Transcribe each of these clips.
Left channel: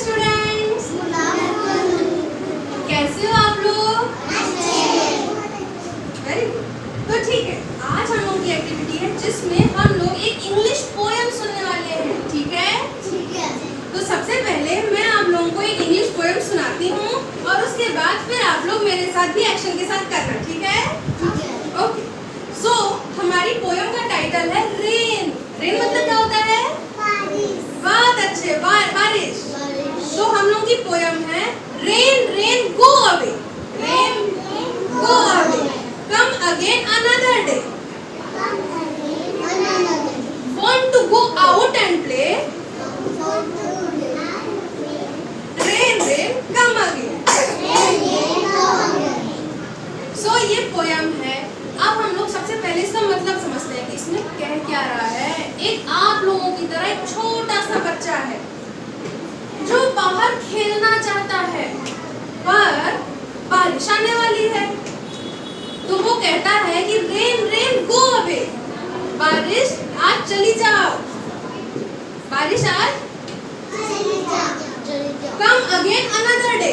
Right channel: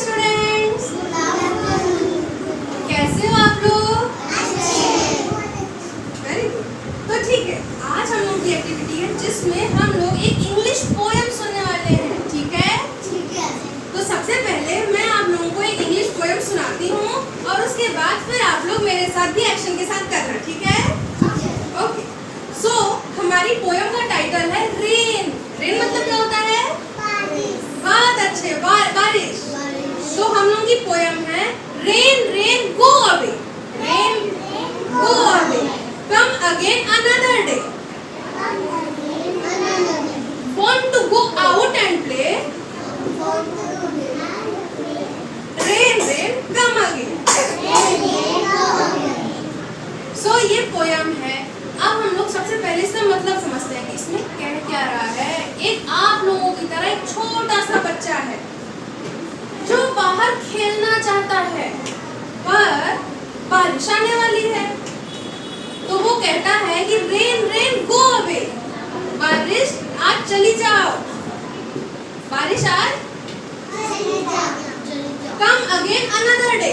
Students, कैसे हो आप लोग? Very good. तो ठीक है, आज हम लोग की एक्टिविटी है जिसमें हम लोग एक इंग्लिश पोएम सुनने वाले हैं। ठीक है? तो सबसे पहले मैं आप लोगों को एक इंग्लिश पोएम सुनाती हूँ और उसके बाद फिर आप लोग मेरे साथ भी एक्शन के साथ करना। ठीक है? ओके। सो हमारी पोएम का टाइटल है रेन। रेन मतलब क्या होता है? बहुत अच्छे, बारिश। तो हम लोग की पोएम है rain rain go away, rain go away, come again another day, want to go out and play, rain rain come again। सो ये पोएम है। अब हम लोग सबसे पहले इसका मतलब समझते हैं कि इसमें कह क्या रहा है। एक आप लोगों की तरह एक छोटा सा बच्चा है जो बाहर खेलना चाहता है, पर बारिश आने वाली है, तो वो कहता है कि रेन रेन गो अवे, बारिश आज चली जाओ, बारिश आज कम अगेन अनदर डे,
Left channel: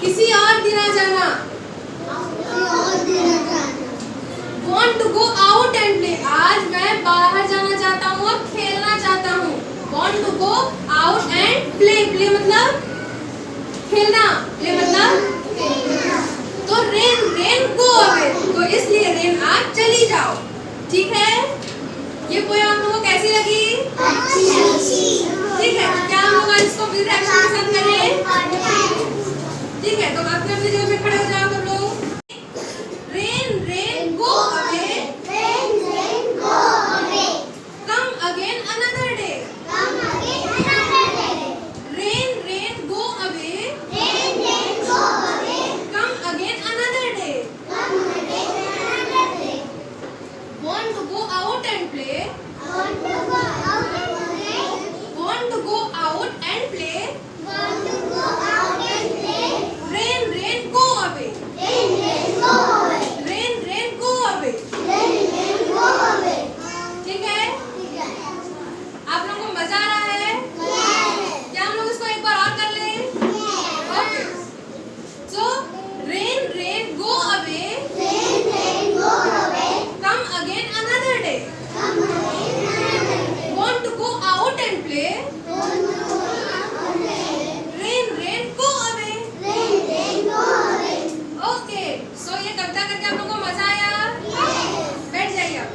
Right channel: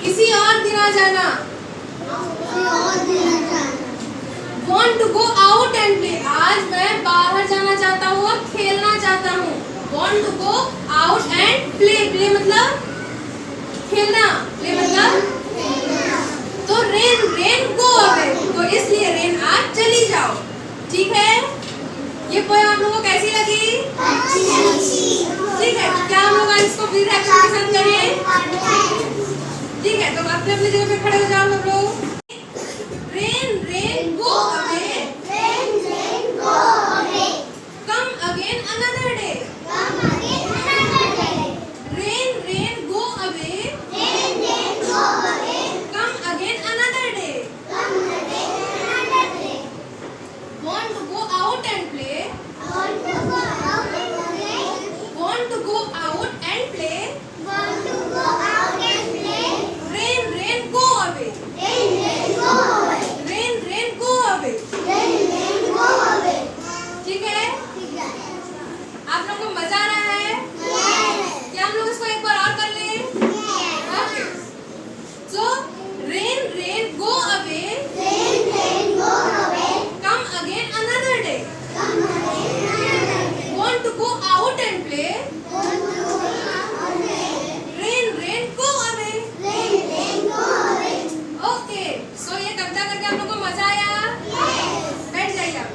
किसी और दिन आ जाना। Want to go out and play, आज मैं बाहर जाना चाहता हूँ और खेलना चाहता हूँ। Want to go out and play, play मतलब खेलना, play मतलब तो रेन रेन गो अवे, तो इसलिए रेन आज चली जाओ। ठीक है? ये पोएम आप लोगों को कैसी लगी? ठीक है, तो क्या हम लोग इसको फिर एक्शन के साथ करें? ठीक है, तो अपने अपने जगह पे खड़े हो जाओ सब लोग। Rain rain go away, come again another day, rain rain go away, come again another day, want to go out and play, want to go out and play, rain rain go away, rain rain go away। ठीक है? आप लोगों को मजा आ रहा है? क्या हम लोग इसको एक बार और कर लें? Okay. So rain rain go away, come again another day, want to go out and play, rain rain go away। Okay. So ये कविता करके आप लोगों को मजा आया? बैठ जाइए आप।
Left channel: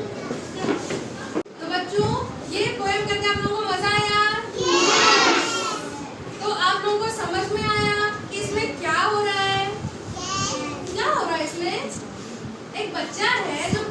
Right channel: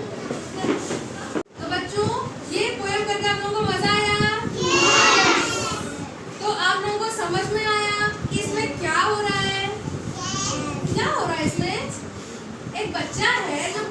तो बच्चों, ये पोएम करके आप लोगों को मजा आया? तो आप लोगों को समझ में आया कि इसमें क्या हो रहा है? क्या हो रहा है इसमें? एक बच्चा है जो